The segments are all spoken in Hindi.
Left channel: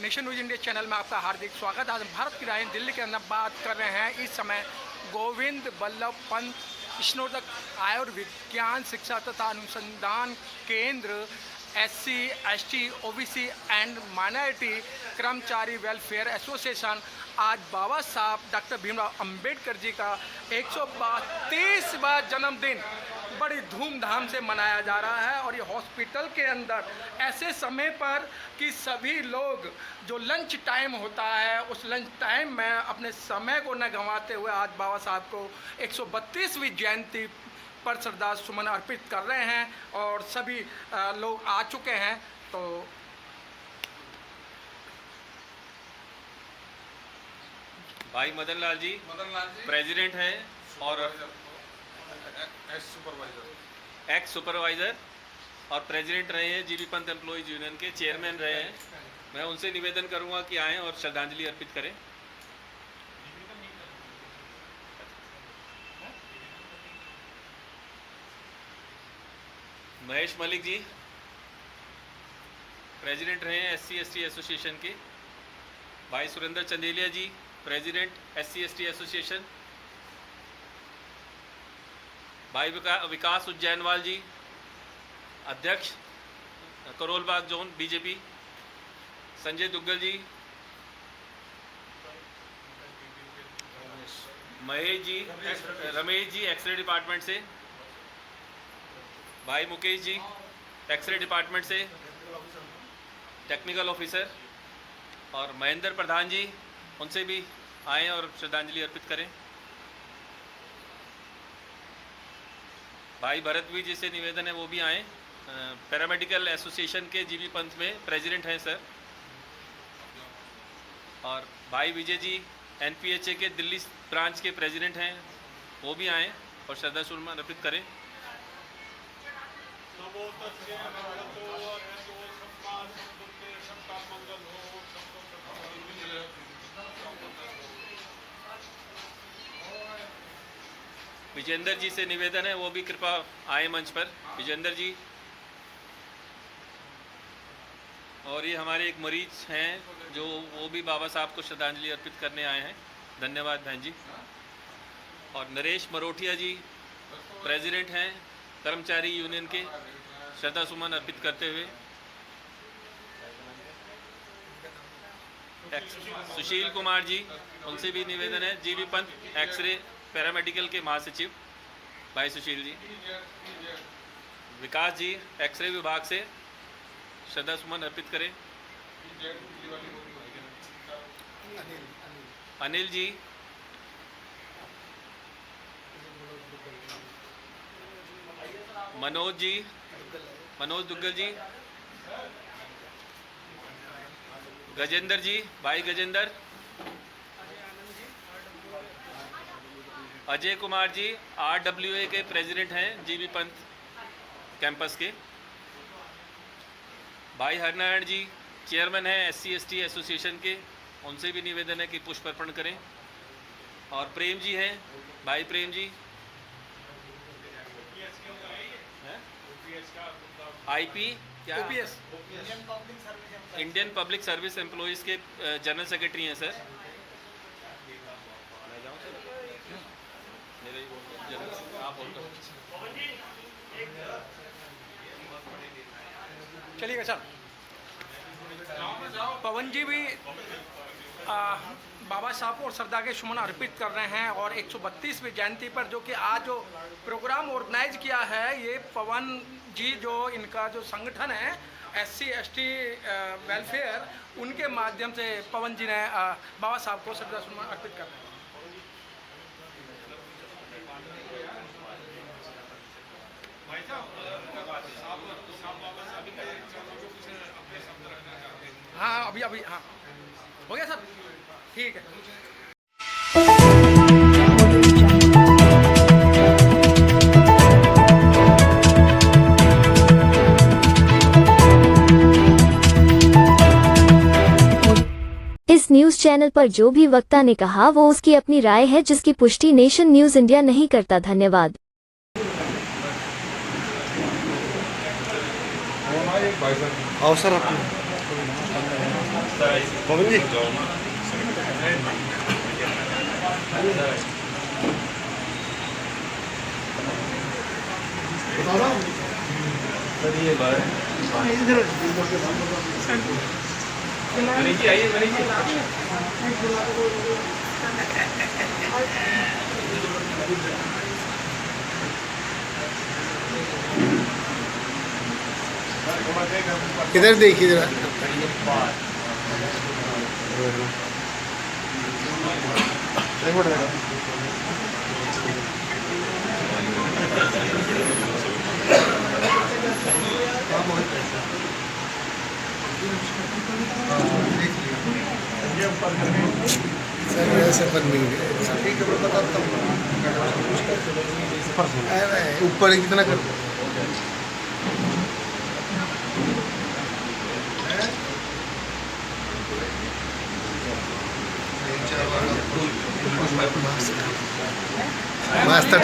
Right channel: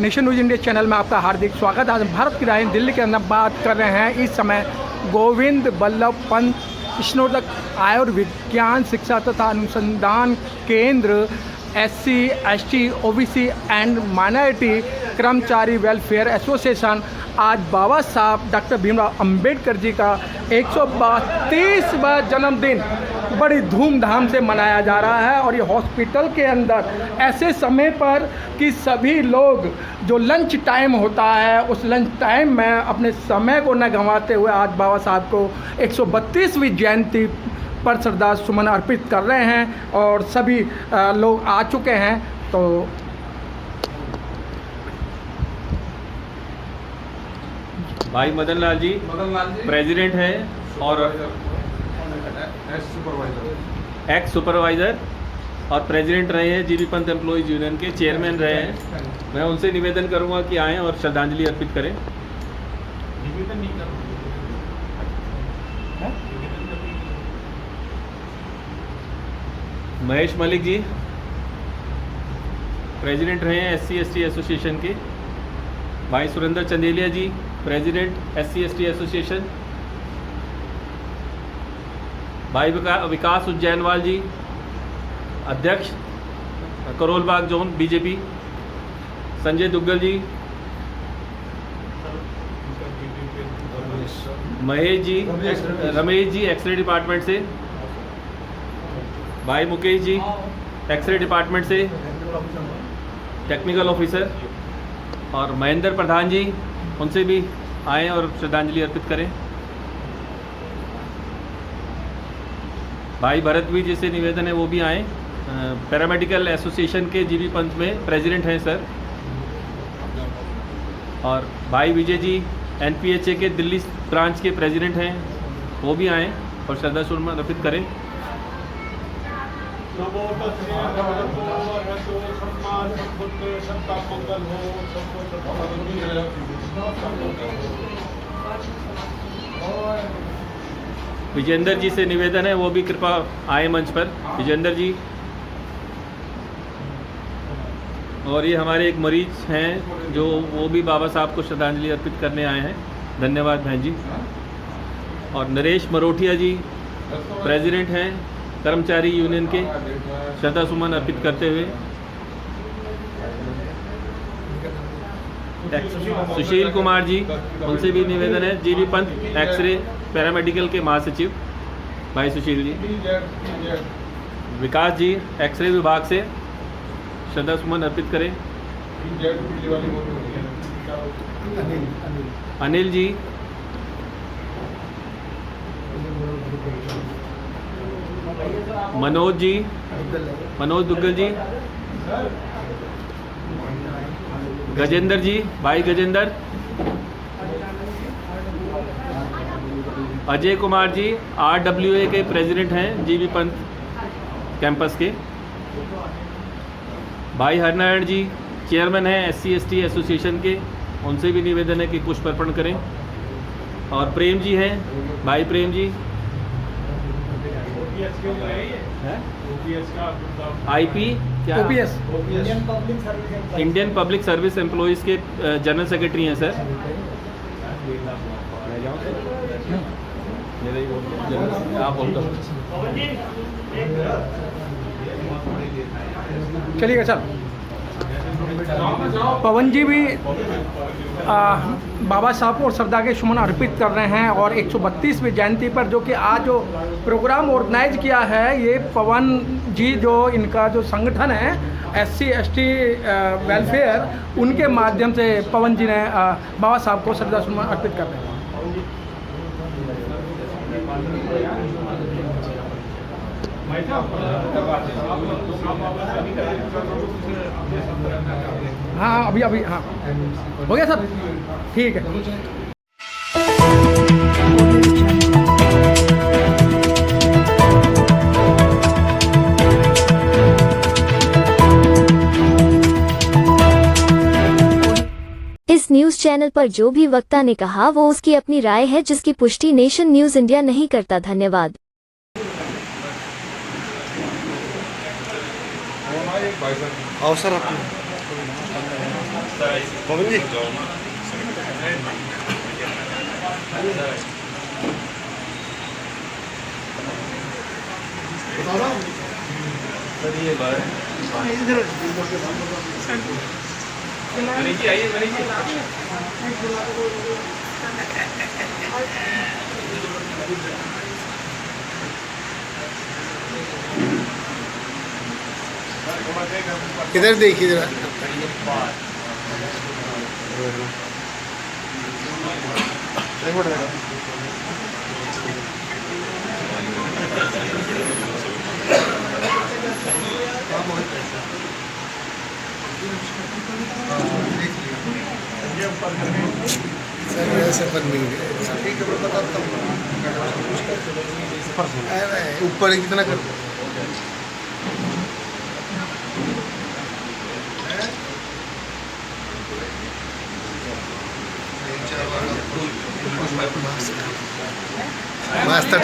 नेशन न्यूज़ इंडिया चैनल में आपका हार्दिक स्वागत। आज भारत की राजधानी दिल्ली के अंदर बात कर रहे हैं। इस समय गोविंद बल्लभ पंत स्नातक आयुर्विज्ञान शिक्षा तथा अनुसंधान केंद्र SC, ST, OBC and minority कर्मचारी वेलफेयर एसोसिएशन आज बाबा साहब डॉक्टर भीमराव अंबेडकर जी का 132वां जन्मदिन बड़ी धूमधाम से मनाया जा रहा है। और ये हॉस्पिटल के अंदर ऐसे समय पर कि सभी लोग जो लंच टाइम होता है उस लंच टाइम में अपने समय को न गंवाते हुए आज बाबा साहब को 132वीं जयंती पर श्रद्धा सुमन अर्पित कर रहे हैं और सभी लोग आ चुके हैं। तो भाई मदन लाल जी प्रेसिडेंट हैं और एक्स सुपरवाइज़र और प्रेसिडेंट रहे हैं जीबी पंत एम्प्लॉयज़ यूनियन के चेयरमैन रहे हैं। मैं उनसे निवेदन करूंगा कि आएँ और श्रद्धांजलि अर्पित करें। महेश मलिक जी प्रेसिडेंट रहे हैं SC, ST एसोसिएशन के। भाई सुरेंद्र चंदेलिया जी प्रेसिडेंट SC, ST एसोसिएशन। भाई विकास उज्जैनवाल जी अध्यक्ष करोल बाग जोन BJP। संजय दुग्गल जी, महेश जी, रमेश जी एक्सरे डिपार्टमेंट से। भाई मुकेश जी एक्सरे डिपार्टमेंट से टेक्निकल ऑफिसर। और महेंद्र प्रधान जी उनसे भी आएँ और श्रद्धांजलि अर्पित करें। भाई भरतवीर जी से निवेदन है वो भी आएँ। पैरामेडिकल एसोसिएशन के जीबी पंत में प्रेसिडेंट हैं सर। और भाई विजय जी NPHA के दिल्ली ब्रांच के प्रेसिडेंट हैं, वो भी आएँ और श्रद्धा सुमन अर्पित करें। विजेंद्र जी से निवेदन है वो भी कृपा आए मंच पर। विजेंद्र जी। और ये हमारे एक मरीज हैं जो वो भी बाबा साहब को श्रद्धांजलि अर्पित करने आए हैं। धन्यवाद बहन जी। और नरेश मरोठिया जी प्रेसिडेंट हैं कर्मचारी यूनियन के, श्रद्धा सुमन अर्पित करते हुए। सुशील कुमार जी उनसे भी निवेदन है। जीबी पंत एक्सरे पैरामेडिकल के महासचिव भाई सुशील जी। विकास जी एक्सरे विभाग से श्रद्धा सुमन अर्पित करें। अनिल जी, मनोज जी, मनोज दुग्गल जी, गजेंद्र जी, भाई गजेंद्र। अजय कुमार जी RWA के प्रेसिडेंट हैं जीबी पंत कैंपस के। भाई हरनारायण जी चेयरमैन हैं SC, ST एसोसिएशन के, उनसे भी निवेदन है कि पुष्प अर्पण करें। और प्रेम जी हैं, भाई प्रेम जी IP क्या OPS Indian public service employees के जनरल सेक्रेटरी हैं सर। चलिए सर। पवन जी भी बाबा साहब को श्रद्धा के सुमन अर्पित कर रहे हैं। और 132वीं जयंती पर जो कि आज जो प्रोग्राम ऑर्गेनाइज किया है ये पवन जी जो इनका जो संगठन है SC, ST वेलफेयर, उनके माध्यम से पवन जी ने बाबा साहब को श्रद्धा सुमन अर्पित कर रहे हैं। हाँ अभी हाँ हो गया सर, ठीक है। इस न्यूज चैनल पर जो भी वक्ता ने कहा वो उसकी अपनी राय है जिसकी पुष्टि नेशन न्यूज इंडिया नहीं करता। धन्यवाद। अवसर पवन जी इधर देखिए जरा ऊपर कितना कर मस्त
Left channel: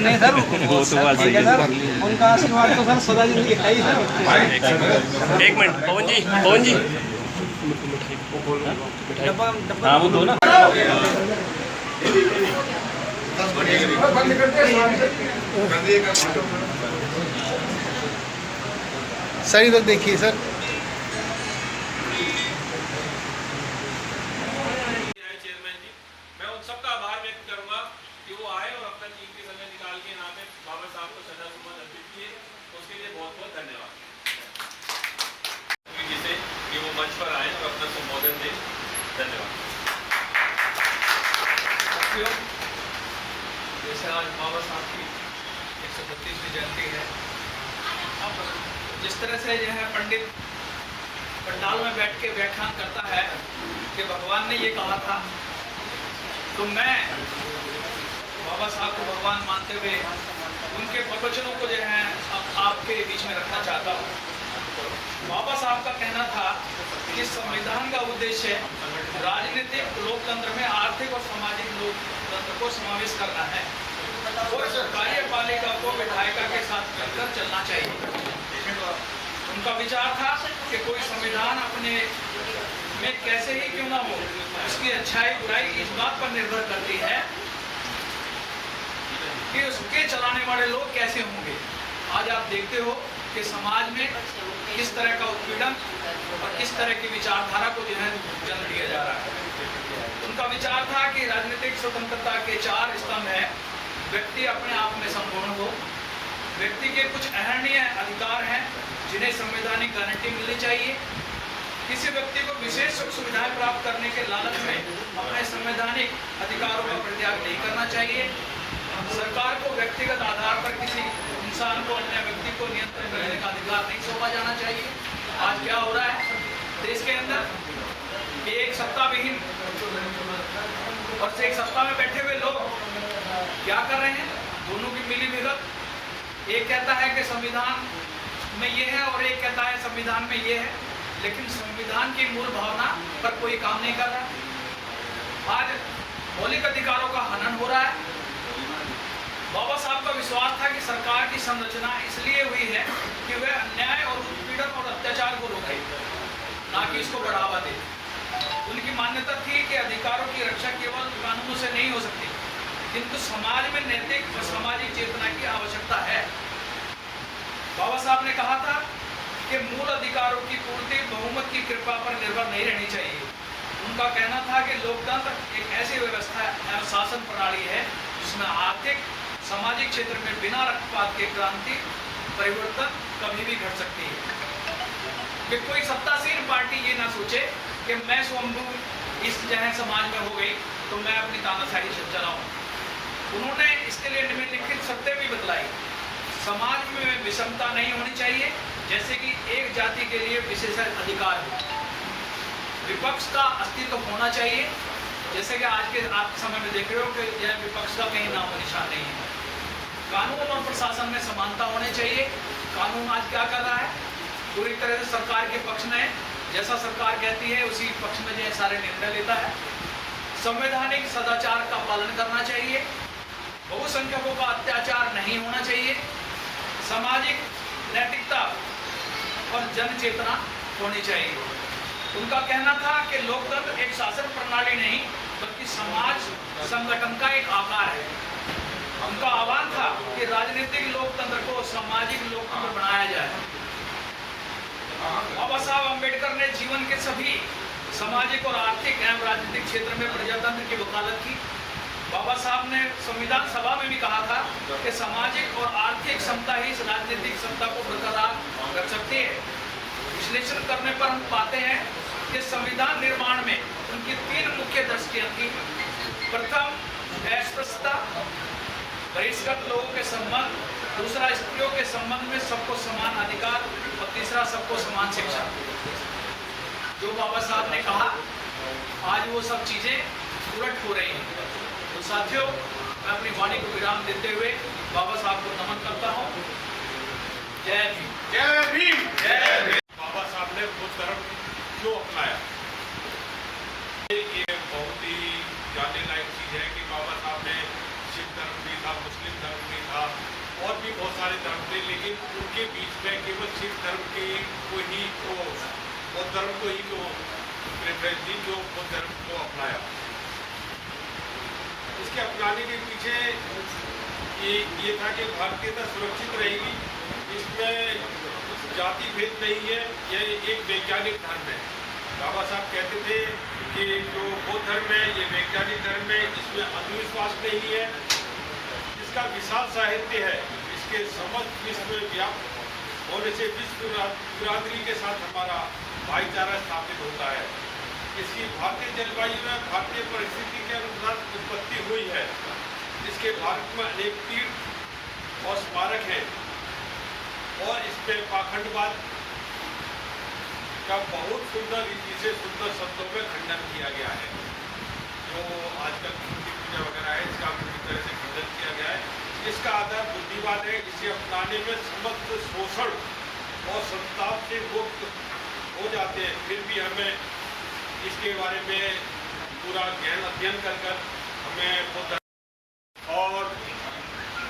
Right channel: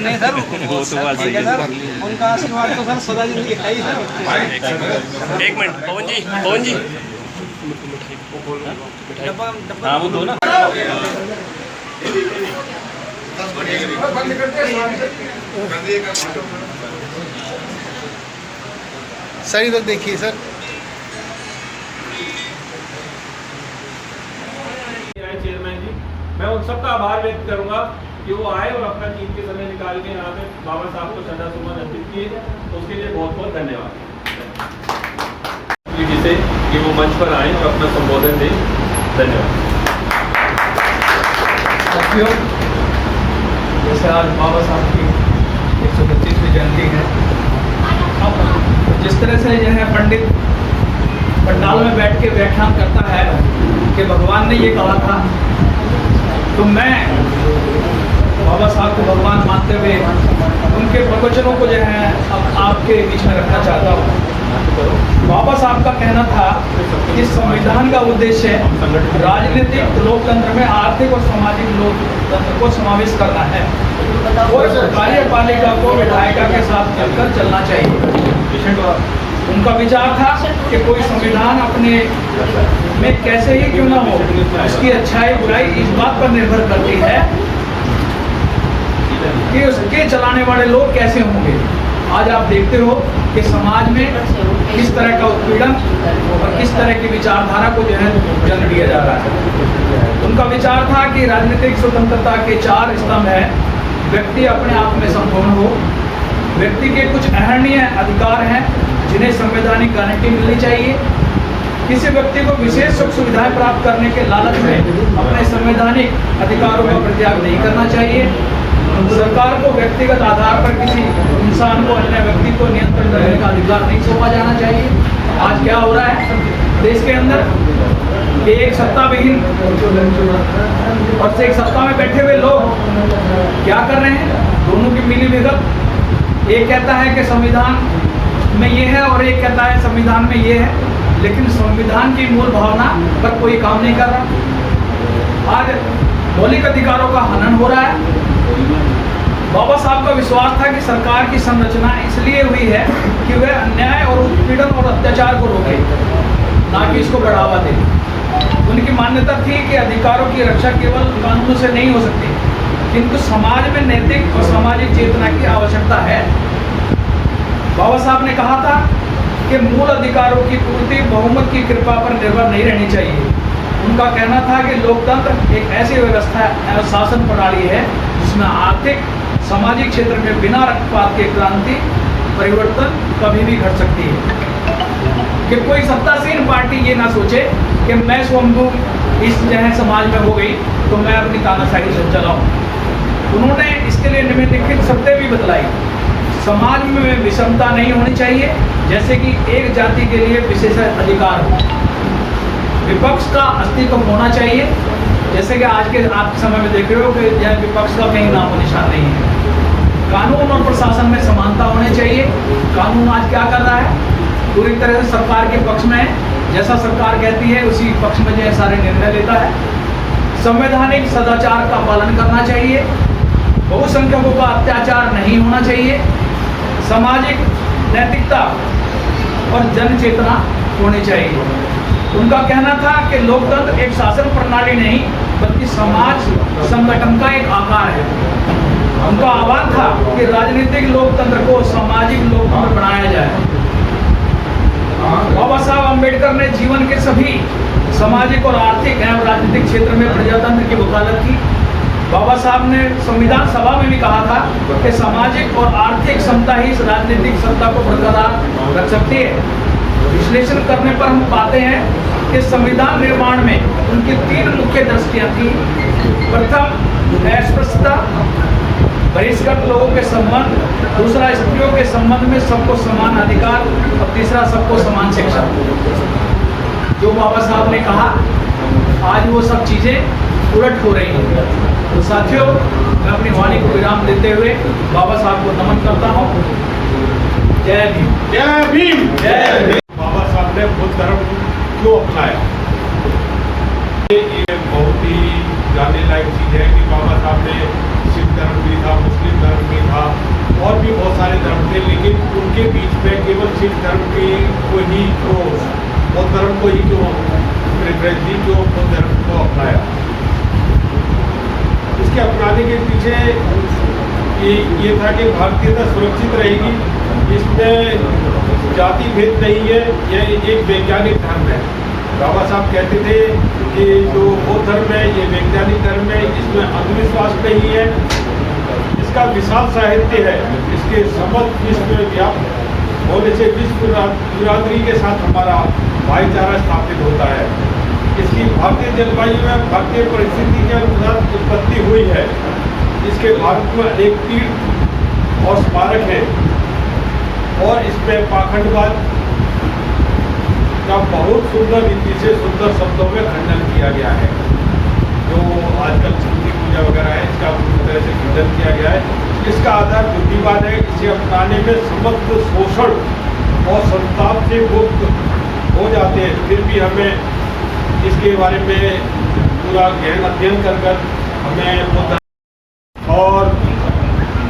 नहीं सर वो तो बात सही है सर, उनका आशीर्वाद तो सर सदा जिंदगी है ही सर। एक मिनट पवन जी हाँ वो दो ना। सर इधर देखिए सर चेयरमैन जी, मैं उन सबका आभार व्यक्त करूंगा कि वो आए और अपना कीमती समय निकाल के यहाँ पे बाबा साहब को श्रद्धा सुमन अर्पित किए, उसके लिए बहुत बहुत धन्यवाद जिसे कि वो मंच पर आए और अपना संबोधन दें। धन्यवाद। साथियों, जैसे आज बाबा साहब की 125वीं जयंती है, अब जिस तरह से यह पंडित पंडाल में बैठ के व्याख्यान करता है कि भगवान ने ये कहा था, तो मैं बाबा साहब को भगवान मानते हुए उनके प्रवचनों को जो है अब आपके बीच में रखना चाहता हूँ। बाबा साहब का कहना था कि संविधान का उद्देश्य राजनीतिक लोकतंत्र में आर्थिक और सामाजिक लोकतंत्र को समावेश करना है और कार्यपालिका को विधायिका के साथ चलकर चलना चाहिए। उनका विचार था कि कोई संविधान अपने में कैसे ही क्यों ना हो, उसकी अच्छाई बुराई इस बात पर निर्भर करती है कि उसके चलाने वाले लोग कैसे होंगे। आज आप देखते हो कि समाज में किस तरह का उत्पीड़न और किस तरह की विचारधारा को जो है जन्म दिया जा रहा है। उनका विचार था कि राजनीतिक स्वतंत्रता के 4 स्तंभ हैं। व्यक्ति अपने आप में संपूर्ण हो, व्यक्ति के कुछ अहर्णीय अधिकार हैं जिन्हें संवैधानिक गारंटी मिलनी चाहिए, किसी व्यक्ति को विशेष सुख सुविधाएं प्राप्त करने के लालच में अपने संवैधानिक अधिकारों का परित्याग नहीं करना चाहिए, सरकार को व्यक्तिगत आधार पर किसी इंसान को अन्य व्यक्ति को नियंत्रण करने का अधिकार नहीं सौंपा जाना चाहिए। आज क्या हो रहा है देश के अंदर कि एक सत्ता विहीन और एक सत्ता में बैठे हुए लोग क्या कर रहे हैं, दोनों की मिली भगत। एक कहता है कि संविधान में ये है और एक कहता है संविधान में ये है, लेकिन संविधान की मूल भावना पर कोई काम नहीं कर रहा। आज मौलिक अधिकारों का हनन हो रहा है। बाबा साहब का विश्वास था कि सरकार की संरचना इसलिए हुई है कि वह अन्याय और उत्पीड़न और अत्याचार को रोके, ना कि इसको बढ़ावा दे। उनकी मान्यता थी कि अधिकारों की रक्षा केवल कानूनों से नहीं हो सकती, किंतु समाज में नैतिक और सामाजिक चेतना की आवश्यकता है। बाबा साहब ने कहा था कि मूल अधिकारों की पूर्ति बहुमत की कृपा पर निर्भर नहीं रहनी चाहिए। उनका कहना था कि लोकतंत्र एक ऐसी व्यवस्था और शासन प्रणाली है जिसमें आर्थिक सामाजिक क्षेत्र में बिना रक्तपात के क्रांति परिवर्तन कभी भी घट सकती है। कि कोई सत्तासीन पार्टी ये ना सोचे कि मैं स्वयं इस जो है समाज में हो गई तो मैं अपनी तानाशाही से चलाऊं। उन्होंने इसके लिए निम्नलिखित शर्तें भी बतलाई। समाज में विषमता नहीं होनी चाहिए, जैसे कि एक जाति के लिए विशेष अधिकार हो। विपक्ष का अस्तित्व होना चाहिए, जैसे कि आज के आप समय में देख रहे हो कि यह विपक्ष का कहीं नामो निशान नहीं है। कानून और प्रशासन में समानता होनी चाहिए। कानून आज क्या कर रहा है, पूरी तरह से सरकार के पक्ष में है, जैसा सरकार कहती है उसी पक्ष में जो है सारे निर्णय लेता है। संवैधानिक सदाचार का पालन करना चाहिए। बहुसंख्यकों का अत्याचार नहीं होना चाहिए। सामाजिक नैतिकता और जन चेतना होनी चाहिए। उनका कहना था कि लोकतंत्र एक शासन प्रणाली नहीं बल्कि समाज संगठन का एक आकार है। उनका आह्वान था कि राजनीतिक लोकतंत्र को सामाजिक लोकतंत्र बनाया जाए। बाबा साहब अम्बेडकर ने जीवन के सभी सामाजिक और आर्थिक एवं राजनीतिक क्षेत्र में प्रजातंत्र की वकालत की। बाबा साहब ने संविधान सभा में भी कहा था कि सामाजिक और आर्थिक समता ही राजनीतिक सत्ता को बरकरार रख सकती है। विश्लेषण करने पर हम पाते हैं कि संविधान निर्माण में उनकी 3 मुख्य दृष्टियां थी। प्रथम अस्पृश्यता, बहिष्कृत लोगों के संबंध, दूसरा स्त्रियों के संबंध में सबको समान अधिकार और तीसरा सबको समान शिक्षा। जो बाबा साहब ने कहा आज वो सब चीजें उलट हो रही हैं। तो साथियों, मैं अपनी वाणी को विराम देते हुए बाबा साहब को नमन करता हूँ। जय भीम। जय भीम। जय भीम। बाबा साहब ने बुद्ध धर्म क्यों अपनाया? ये बहुत ही जानने लायक चीज है कि बाबा साहब ने सिख धर्म भी था, मुस्लिम धर्म भी था और भी बहुत सारे धर्म थे, लेकिन उनके बीच में केवल सिख धर्म को ही क्यों, बौद्ध धर्म को ही क्यों प्रेफरेंस दी, क्यों बुद्ध धर्म को अपनाया? इसके अपनाने के पीछे ये था कि भारतीयता सुरक्षित रहेगी, इसमें जाति भेद नहीं है, यह एक वैज्ञानिक धर्म है। बाबा साहब कहते थे कि जो बौद्ध धर्म है ये वैज्ञानिक धर्म है, इसमें अंधविश्वास नहीं है, इसका विशाल साहित्य है, इसके समस्त विश्व व्याप्त होने से विश्व बिरादरी के साथ हमारा भाईचारा स्थापित होता है। इसकी भारतीय जलवायु में भारतीय परिस्थिति के अनुसार उत्पत्ति हुई है। इसके भारत में अनेक तीर्थ और स्मारक हैं और इसमें पाखंडवाद का बहुत सुंदर रीति से सुंदर शब्दों में खंडन किया गया है। जो आजकल मूर्ति पूजा वगैरह है, इसका पूरी तरह से खंडन किया गया है। इसका आधार बुद्धिवाद है। इसे अपनाने में समस्त शोषण और संताप से मुक्त हो जाते हैं। फिर भी हमें इसके बारे में पूरा गहन अध्ययन कर हमें और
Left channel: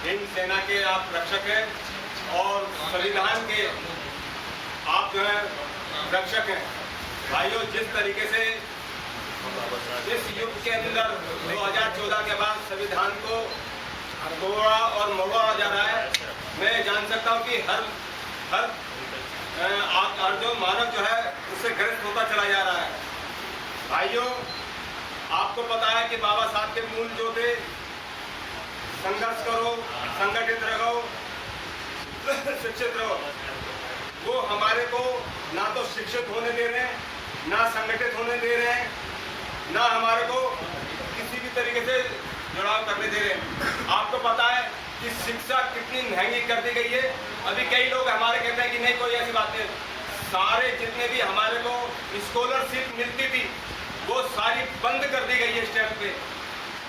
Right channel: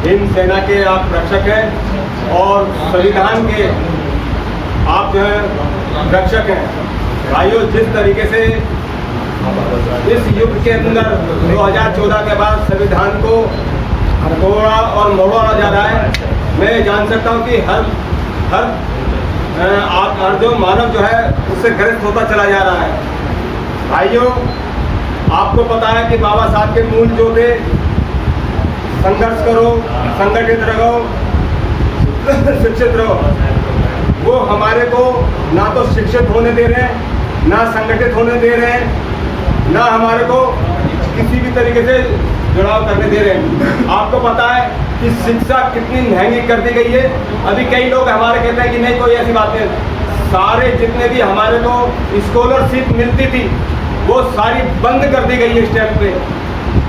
हिंद सेना के आप रक्षक हैं और संविधान के आप जो है रक्षक हैं। भाइयों, जिस तरीके से इस युग के अंदर 2014 के बाद संविधान को तोड़ा और मोड़ा जा रहा है, मैं जान सकता हूं कि हर जो मानव जो है उससे ग्रस्त होता चला जा रहा है। भाइयों, आपको पता है कि बाबा साहब के मूल जो थे, संघर्ष करो, संगठित रहो, शिक्षित रहो, वो हमारे को ना तो शिक्षित होने दे रहे हैं, ना संगठित होने दे रहे हैं, ना हमारे को किसी भी तरीके से जुड़ाव करने दे रहे हैं। आपको पता है कि शिक्षा कितनी महंगी कर दी गई है। अभी कई लोग हमारे कहते हैं कि नहीं, कोई ऐसी बात नहीं। सारे जितने भी हमारे को स्कॉलरशिप मिलती थी वो सारी बंद कर दी गई है इस टाइम पे।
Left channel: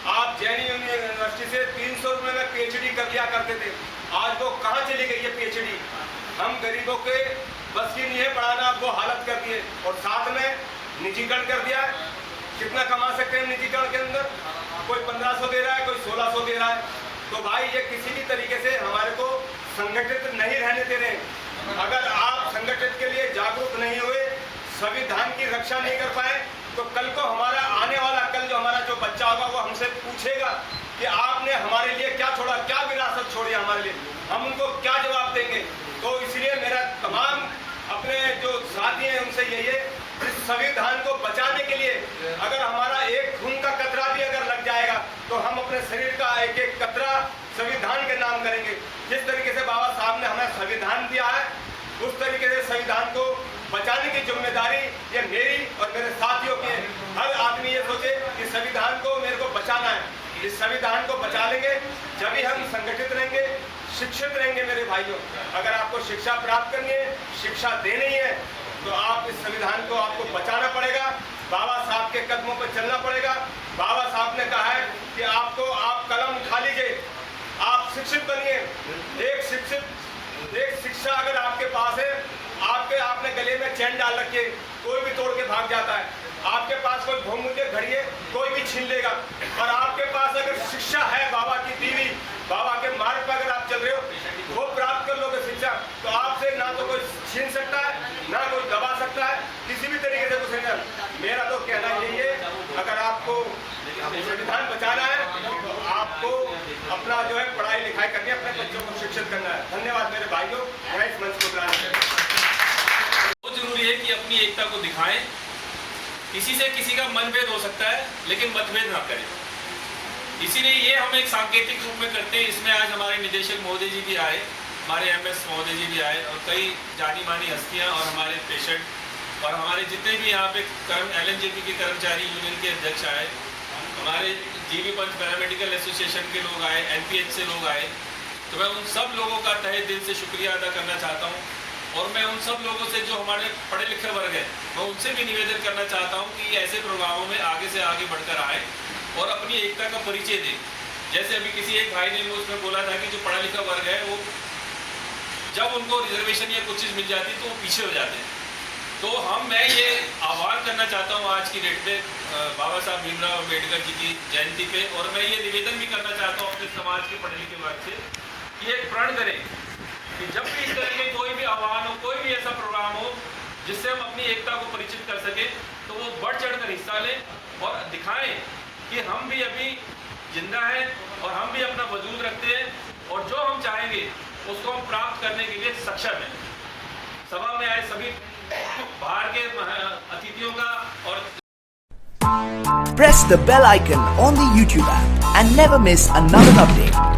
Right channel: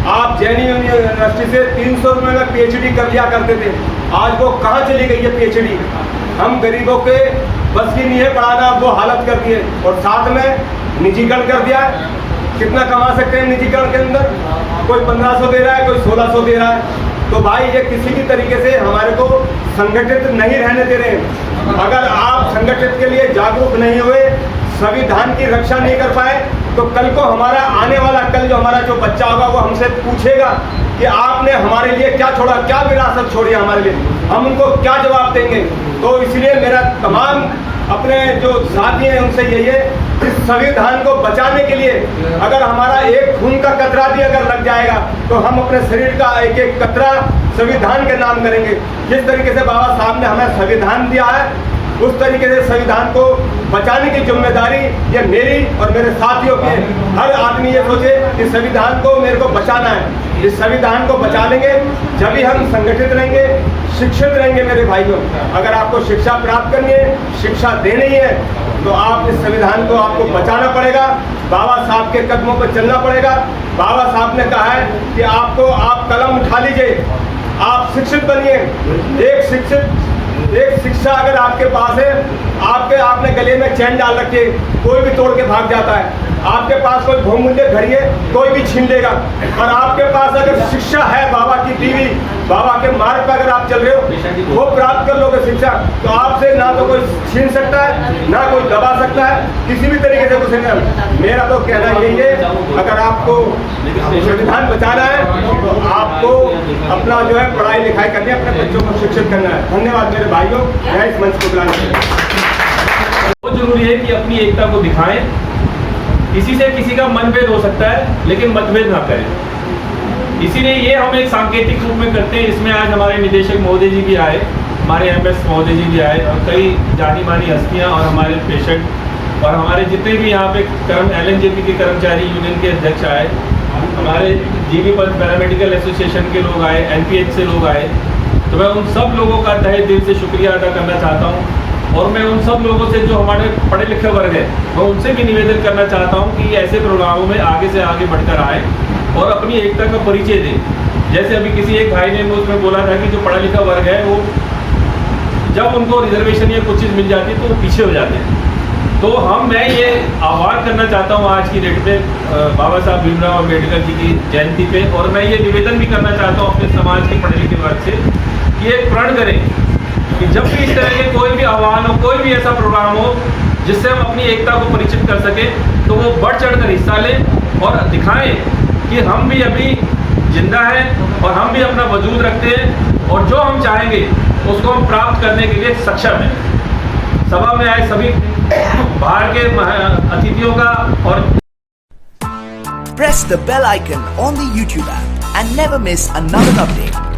आप जैन यूनिवर्सिटी से 300 रुपये में PhD कर लिया करते थे, आज वो कहाँ चली गई है PhD? हम गरीबों के बस की नहीं है पढ़ाना, वो हालत कर दी है। और साथ में निजीकरण कर दिया है। कितना कमा सकते हैं निजीकरण के अंदर? कोई 1500 दे रहा है, कोई 1600 दे रहा है। तो भाई, ये किसी भी तरीके से हमारे को संगठित नहीं रहने दे रहे। अगर आप संगठित के लिए जागरूक नहीं हुए, संविधान की रक्षा नहीं कर पाए, तो कल को हमारा आने वाला कल जो हमारा जो बच्चा होगा वो हमसे पूछेगा कि आपने हमारे लिए क्या छोड़ा, क्या विरासत छोड़ी हमारे लिए, हम उनको क्या जवाब देंगे। तो इसलिए मेरा तमाम अपने जो साथी हैं उनसे यही है, इस संविधान को बचाने के लिए अगर हमारा एक खून का कतरा भी अगर लग जाएगा तो हम अपने शरीर का एक एक कतरा संविधान के नाम करेंगे। जिस तरीके से बाबा साहब ने हमें संविधान दिया है, उस तरीके से संविधान को बचाने की जिम्मेदारी ये मेरी और मेरे साथियों की है। हर आदमी ये सोचे कि संविधान को मेरे को बचाना है। इस संविधान को बचा लेंगे जब भी हम संगठित रहेंगे, शिक्षित रहेंगे। मेरे भाइयों, अगर आपको शिक्षा प्राप्त करनी है, शिक्षा देनी है, तो आप इस संविधान को आपको बचाना पड़ेगा। बाबा साहब के कदमों पर चलना पड़ेगा। बाबा साहब ने कहा है कि आप कलम उठा लीजिए, आप शिक्षित बनिए। एक शिक्षा अगर आपके पास है, आपने गले में चैन डाल रखी है, कोई भी तोड़ के भाग जाता है। आपके पास कोई बहुमूल्य घड़ी है, कोई भी छीन लेगा। और आपके पास अगर शिक्षा है, बाबा की दीवी, बाबा के मार्ग पर अगर आप चल रहे हो, वो प्राप्त कर लोगे शिक्षा, तो आपसे ना तो कोई छीन सकता है, ना कोई दबा सकता है, किसी भी तरीके से कुछ नहीं। मेरा तो कहना यही है, अगर आपको संविधान बचाना है तो आपको अपना जो है पढ़ाई लिखाई करनी है, अपने बच्चों को शिक्षित करना है। धन्यवाद मेरे भाइयों, मैं इस मंच को बुलाने के लिए। बहुत जरूरी है कि अपनी एकता को दिखाएं। किसी से किसी का मनभेद हो सकता है, लेकिन मतभेद ना करें। इसीलिए ये हम एक सांकेतिक रूप में करते हैं। इसमें आज हमारे निदेशक महोदय जी भी आए, हमारे एमएस महोदय जी भी आए, और कई जानी मानी हस्तियां और हमारे पेशेंट और हमारे जितने भी यहाँ पे LNJP के कर्मचारी यूनियन के अध्यक्ष आए, हमारे जीबी पंत पैरामेडिकल एसोसिएशन के लोग आए, NPH से लोग आए। तो मैं उन सब लोगों का तहे दिल से शुक्रिया अदा करना चाहता हूँ। और मैं उन सब लोगों से जो हमारे पढ़े लिखे वर्ग है, मैं उनसे भी निवेदन करना चाहता हूं कि ऐसे प्रोग्रामों में आगे से आगे बढ़कर आए और अपनी एकता का परिचय दें। जैसे अभी किसी एक भाई ने उसमें बोला था कि जो पढ़ा लिखा वर्ग है, वो जब उनको रिजर्वेशन या कुछ चीज़ मिल जाती है तो वो पीछे हो जाते हैं। तो मैं ये आह्वान करना चाहता हूँ आज की डेट पे बाबा साहब भीमराव अम्बेडकर जी की जयंती पे, और मैं ये निवेदन भी करना चाहता हूँ अपने समाज के पढ़े लिखे वर्ग से कि एक प्रण करें कि जब भी इस तरह के कोई भी आह्वान हो, कोई भी ऐसा प्रोग्राम हो जिससे हम अपनी एकता को परिचित कर सकें, तो वो बढ़ चढ़कर हिस्सा लें और दिखाएं कि हम भी अभी जिंदा हैं और हम भी अपना वजूद रखते हैं, और जो हम चाहेंगे उसको हम प्राप्त करने के लिए सक्षम हैं। सभा में आए सभी बाहर के अतिथियों का और press the bell icon on the YouTube app and never miss another update.